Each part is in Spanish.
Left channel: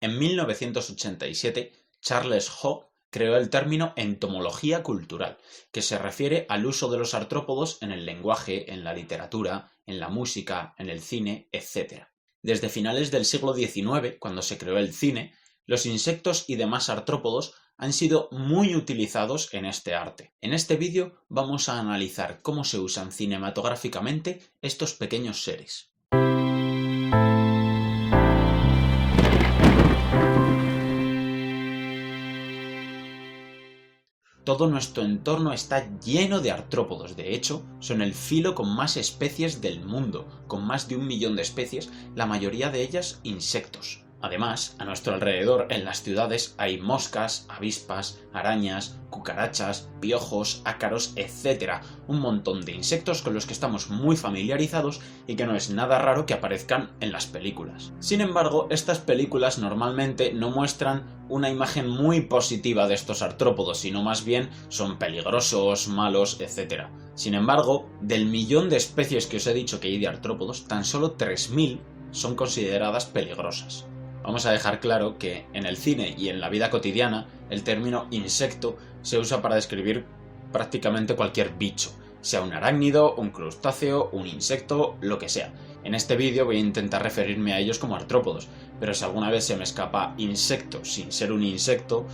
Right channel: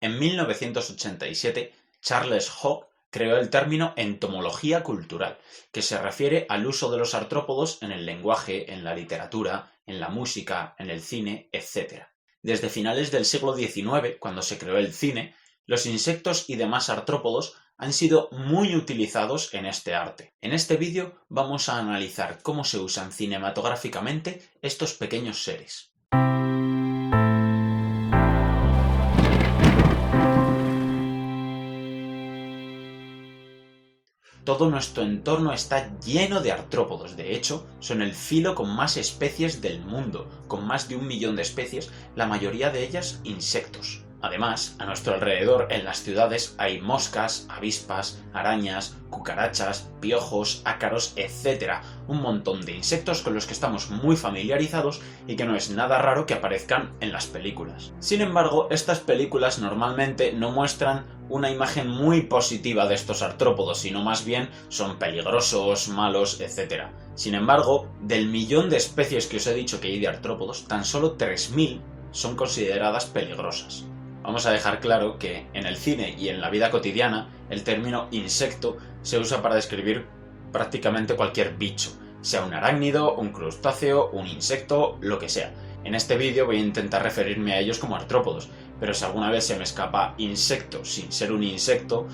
En 1987, Charles Hogg creó el término entomología cultural, que se refiere al uso de los artrópodos en el lenguaje, en la literatura, en la música, en el cine, etc. Desde finales del siglo XIX, cuando se creó el cine, los insectos y demás artrópodos han sido muy utilizados en este arte. En este vídeo vamos a analizar cómo se usan cinematográficamente estos pequeños seres. Todo nuestro entorno está lleno de artrópodos, de hecho, son el filo con más especies del mundo, con más de 1 millón de especies, la mayoría de ellas insectos. Además, a nuestro alrededor en las ciudades hay moscas, avispas, arañas, cucarachas, piojos, ácaros, etc. Un montón de insectos con los que estamos muy familiarizados y que no es nada raro que aparezcan en las películas. Sin embargo, estas películas normalmente no muestran una imagen muy positiva de estos artrópodos, sino más bien son peligrosos, malos, etc. Sin embargo, del millón de especies que os he dicho que hay de artrópodos, tan solo 3000 son consideradas peligrosas. Vamos a dejar claro que en el cine y en la vida cotidiana el término insecto se usa para describir prácticamente cualquier bicho, sea un arácnido, un crustáceo, un insecto, lo que sea. En este vídeo voy a intentar referirme a ellos como artrópodos, pero si alguna vez se me escapa insecto sin ser un insecto,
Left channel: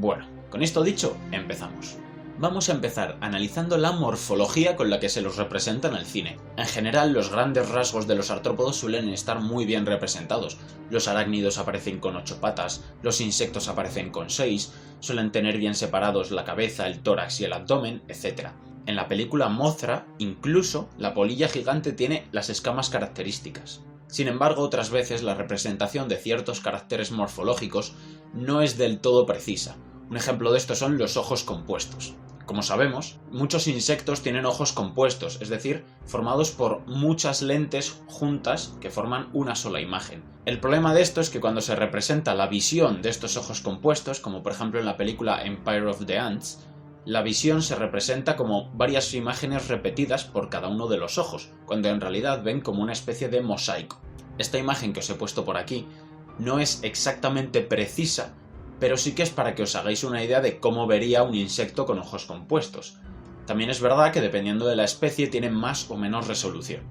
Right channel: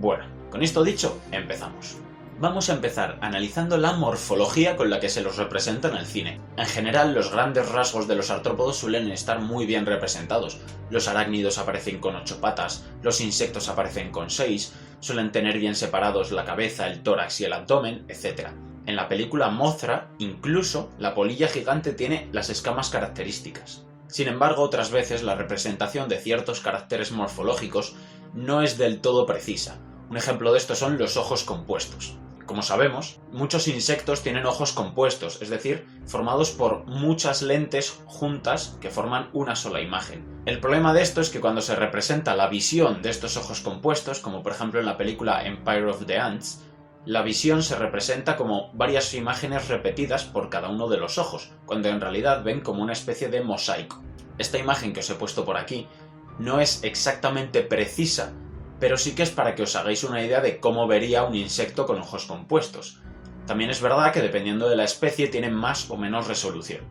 bueno, con esto dicho, empezamos. Vamos a empezar analizando la morfología con la que se los representa en el cine. En general, los grandes rasgos de los artrópodos suelen estar muy bien representados. Los arácnidos aparecen con 8 patas, los insectos aparecen con 6, suelen tener bien separados la cabeza, el tórax y el abdomen, etc. En la película Mothra, incluso, la polilla gigante tiene las escamas características. Sin embargo, otras veces la representación de ciertos caracteres morfológicos no es del todo precisa. Un ejemplo de esto son los ojos compuestos. Como sabemos, muchos insectos tienen ojos compuestos, es decir, formados por muchas lentes juntas que forman una sola imagen. El problema de esto es que cuando se representa la visión de estos ojos compuestos, como por ejemplo en la película Empire of the Ants, la visión se representa como varias imágenes repetidas por cada uno de los ojos, cuando en realidad ven como una especie de mosaico. Esta imagen que os he puesto por aquí no es exactamente precisa, pero sí que es para que os hagáis una idea de cómo vería un insecto con ojos compuestos. También es verdad que dependiendo de la especie tienen más o menos resolución.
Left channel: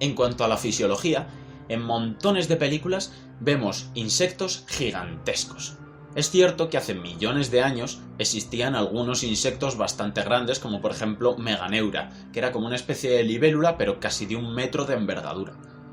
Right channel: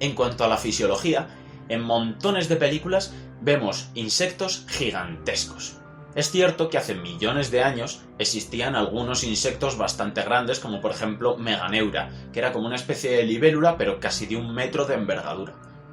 En cuanto a la fisiología, en montones de películas vemos insectos gigantescos. Es cierto que hace millones de años existían algunos insectos bastante grandes, como por ejemplo Meganeura, que era como una especie de libélula pero casi de 1 metro de envergadura.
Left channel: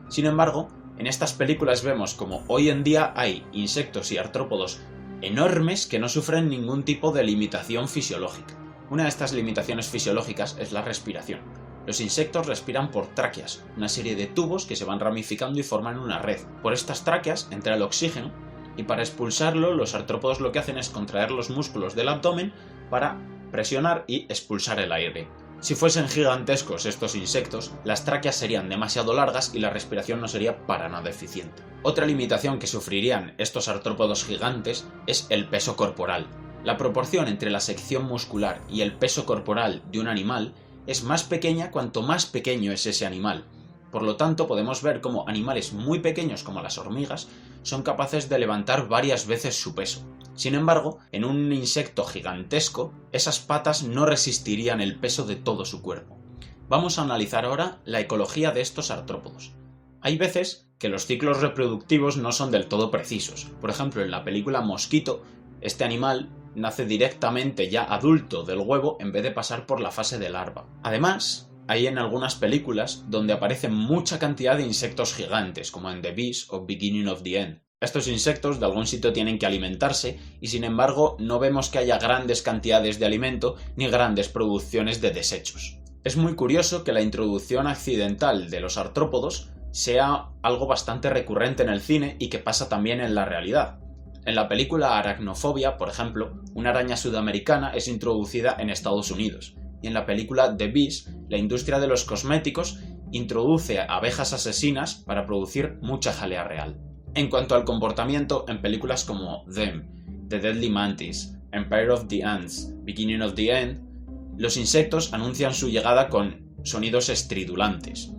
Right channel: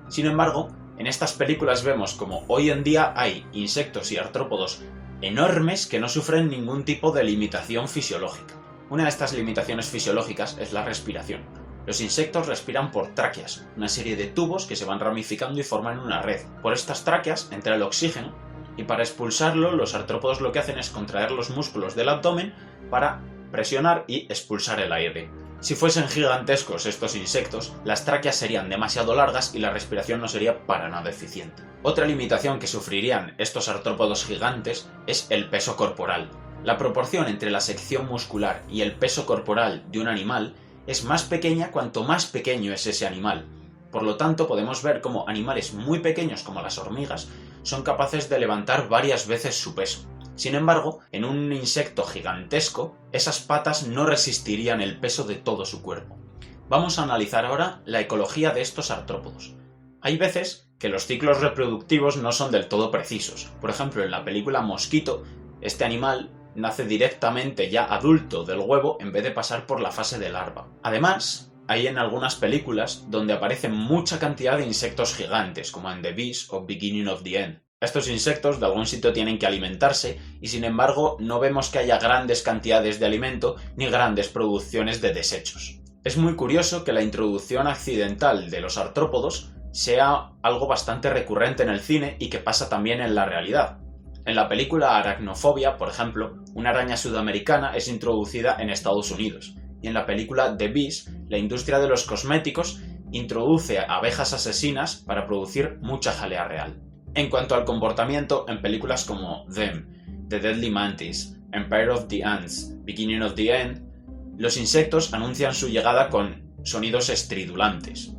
Sin embargo, en estas películas vemos como hoy en día hay insectos y artrópodos enormes que no sufren ningún tipo de limitación fisiológica. Una de estas limitaciones fisiológicas es la respiración. Los insectos respiran por tráqueas, una serie de tubos que se van ramificando y forman una red. Por estas tráqueas entra el oxígeno y para expulsarlo los artrópodos lo que hacen es contraer los músculos del abdomen para presionar y expulsar el aire. Si fuesen gigantescos estos insectos, las tráqueas serían demasiado largas y la respiración no sería para nada eficiente. Otra limitación que sufrirían estos artrópodos gigantes es el peso corporal. La proporción entre la sección muscular y el peso corporal de un animal es más pequeña cuanto más pequeño es ese animal. Por lo tanto, podemos ver cómo animales muy pequeños como las hormigas son capaces de levantar varias veces su peso. Sin embargo, en un insecto gigantesco, esas patas no resistirían el peso de todo su cuerpo. Vamos a analizar ahora la ecología de estos artrópodos. Hay veces que los ciclos reproductivos no son del todo precisos. Por ejemplo, en la película Mosquito, este animal nace directamente ya adulto del huevo en vez de pasar por la fase de larva. Además, hay en algunas películas donde aparecen mucha cantidad de insectos gigantes, como en The Beast o Beginning of the End. Estos insectos de algún sitio tienen que alimentarse y sin embargo no vemos que haya grandes cantidades de alimento ni grandes producciones de desechos. Es muy curioso que la introducción accidental de los artrópodos sea algo bastante recurrente en el cine y que pasa también en la realidad. En la película Aracnofobia, por ejemplo, una araña sudamericana es introducida en Estados Unidos y en la película The Beast, la industria de los cosméticos introduce abejas asesinas para producir mucha jalea real. En cuanto al comportamiento, en películas como Them, The Deadly Mantis, Empire of the Ants, Beginning of the End, los insectos anuncian su llegada con sonidos estridulantes.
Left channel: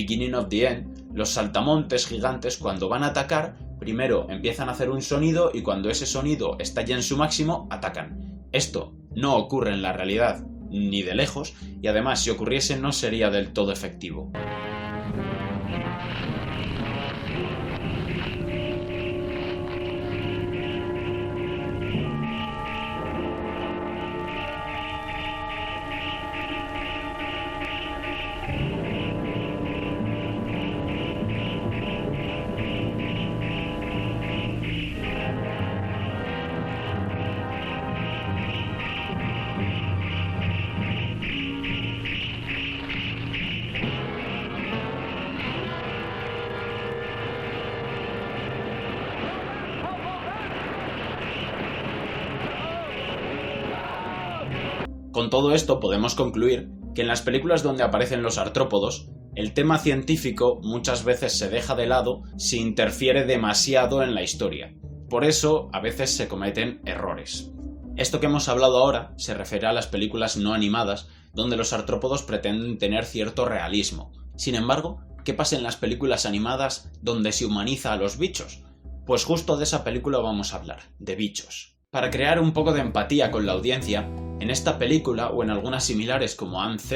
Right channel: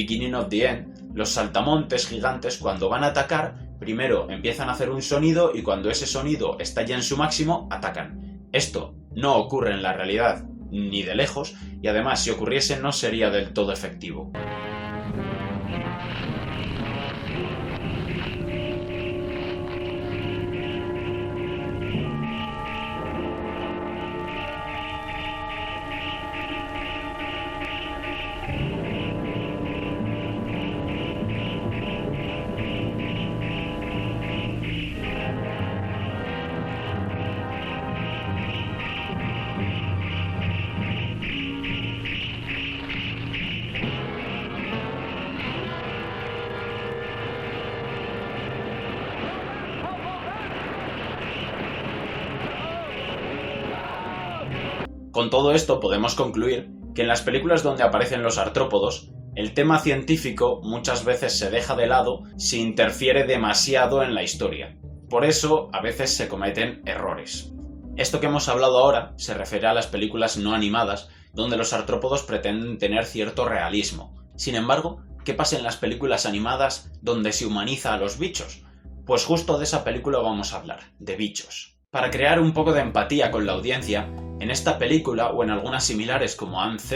Beginning of the End, los saltamontes gigantes cuando van a atacar, primero empiezan a hacer un sonido y cuando ese sonido está ya en su máximo, atacan. Esto no ocurre en la realidad ni de lejos y además si ocurriese no sería del todo efectivo. Con todo esto podemos concluir que en las películas donde aparecen los artrópodos, el tema científico muchas veces se deja de lado si interfiere demasiado en la historia. Por eso a veces se cometen errores. Esto que hemos hablado ahora se refiere a las películas no animadas, donde los artrópodos pretenden tener cierto realismo. Sin embargo, ¿qué pasa en las películas animadas donde se humaniza a los bichos? Pues justo de esa película vamos a hablar, de Bichos. Para crear un poco de empatía con la audiencia, en esta película o en algunas similares como AMZ,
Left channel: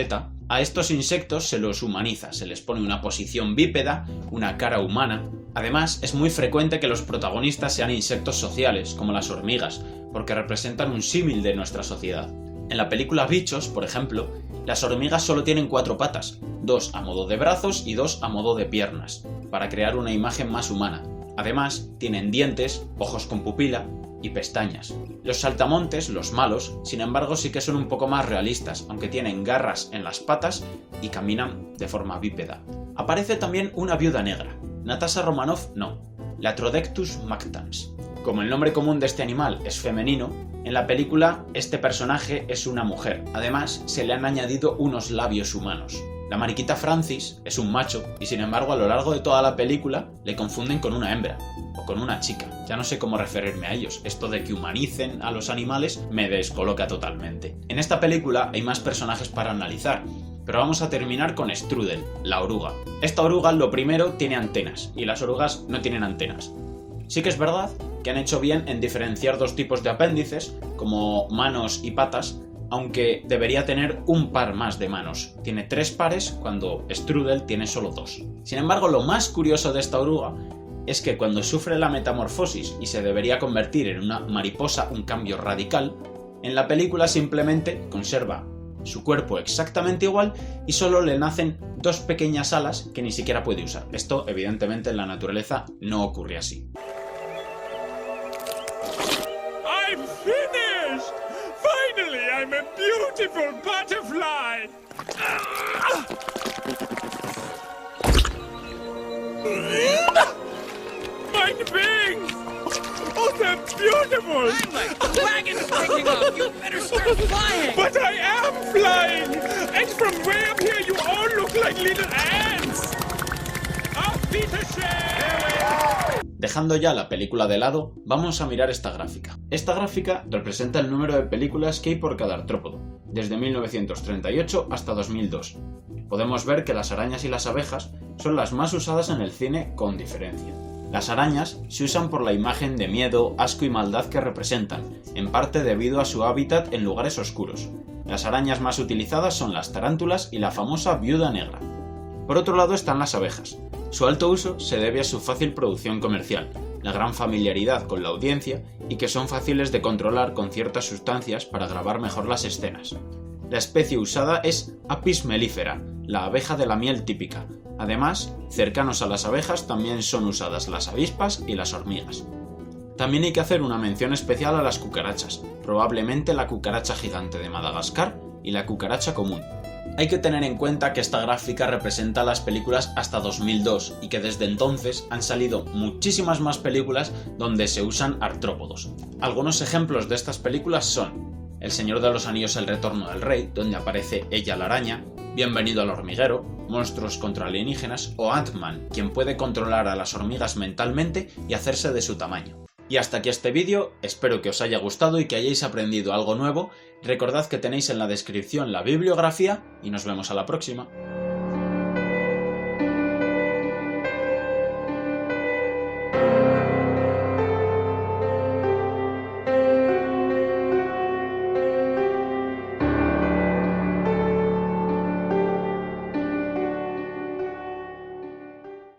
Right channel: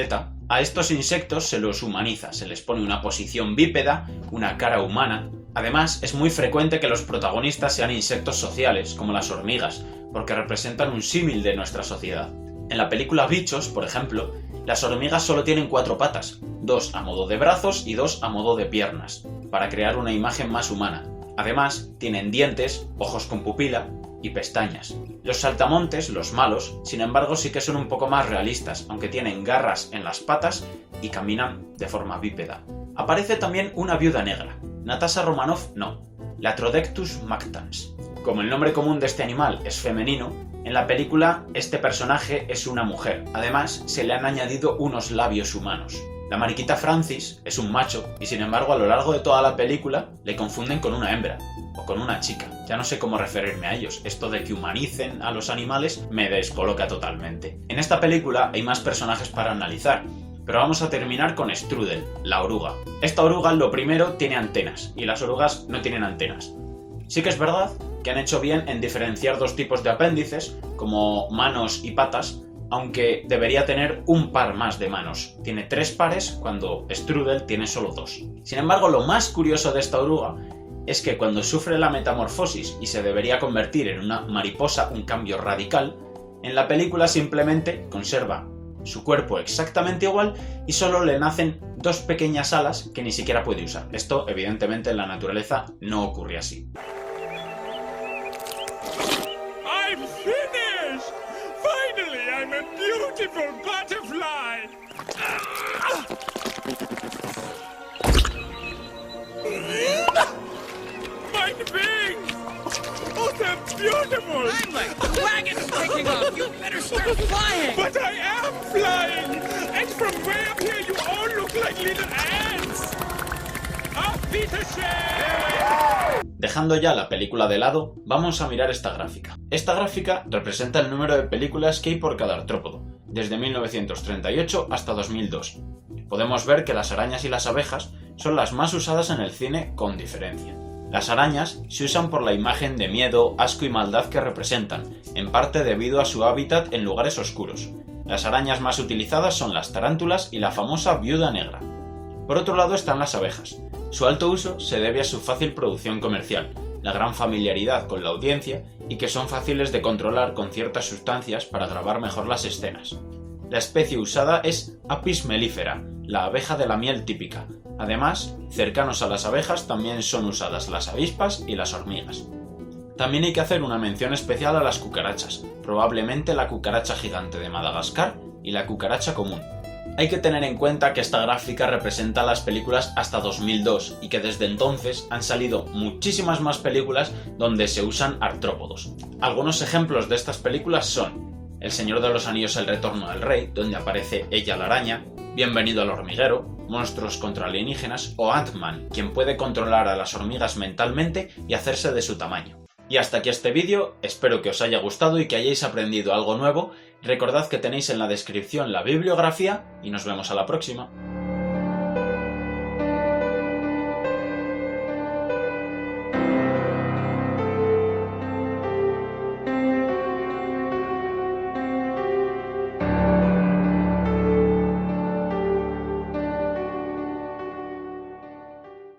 a estos insectos se los humaniza, se les pone una posición bípeda, una cara humana. Además, es muy frecuente que los protagonistas sean insectos sociales, como las hormigas, porque representan un símil de nuestra sociedad. En la película Bichos, por ejemplo, las hormigas solo tienen 4 patas, 2 a modo de brazos y 2 a modo de piernas, para crear una imagen más humana. Además, tienen dientes, ojos con pupila y pestañas. Los saltamontes, los malos, sin embargo sí que son un poco más realistas, aunque tienen garras en las patas y caminan de forma bípeda. Aparece también una viuda negra. Natasha Romanoff no, Latrodectus mactans. Como el nombre común de este animal es femenino, en la película este personaje es una mujer. Además, se le han añadido unos labios humanos. La mariquita Francis es un macho y sin embargo a lo largo de toda la película le confunden con una hembra o con una chica. Ya no sé cómo referirme a ellos. Esto de que humanicen a los animales me descoloca totalmente. En esta película hay más personajes para analizar, pero vamos a terminar con Strudel, la oruga. Esta oruga lo primero tiene antenas y las orugas no tienen antenas. Sí que es verdad que han hecho bien en diferenciar dos tipos de apéndices, como manos y patas, aunque debería tener un par más de manos. Tiene 3 pares cuando Strudel tiene solo 2. Sin embargo, lo más curioso de esta oruga es que cuando sufre la metamorfosis y se debería convertir en una mariposa, un cambio radical, en la película simplemente conserva su cuerpo exactamente igual y solo le nacen 2 pequeñas alas que ni siquiera puede usar. Esto, evidentemente, en la naturaleza no ocurre así. I'm finished! Finally, I'm a beautiful butterfly! My wings! Oh, they're beautiful! I'm like, the wagon's taking off! You better start flying! But I am flying! And from way up here, you all look like little ants! Auf Wiedersehen! Dejando ya la película de lado, vamos a mirar esta gráfica. Esta gráfica representa el número de películas que hay por cada artrópodo, desde 1938 hasta 2002. Podemos ver que las arañas y las abejas son las más usadas en el cine con diferencia. Las arañas se usan por la imagen de miedo, asco y maldad que representan, en parte debido a su hábitat en lugares oscuros. Las arañas más utilizadas son las tarántulas y la famosa viuda negra. Por otro lado están las abejas. Su alto uso se debe a su fácil producción comercial, la gran familiaridad con la audiencia y que son fáciles de controlar con ciertas sustancias para grabar mejor las escenas. La especie usada es Apis mellifera, la abeja de la miel típica. Además, cercanos a las abejas también son usadas las avispas y las hormigas. También hay que hacer una mención especial a las cucarachas, probablemente la cucaracha gigante de Madagascar y la cucaracha común. Hay que tener en cuenta que esta gráfica representa las películas hasta 2002 y que desde entonces han salido muchísimas más películas donde se usan artrópodos. Algunos ejemplos de estas películas son El Señor de los Anillos, El Retorno del Rey, donde aparece ella la araña, Bienvenido al hormiguero, Monstruos contra alienígenas o Ant-Man, quien puede controlar a las hormigas mentalmente y hacerse de su tamaño. Y hasta aquí este vídeo, espero que os haya gustado y que hayáis aprendido algo nuevo. Recordad que tenéis en la descripción la bibliografía y nos vemos a la próxima.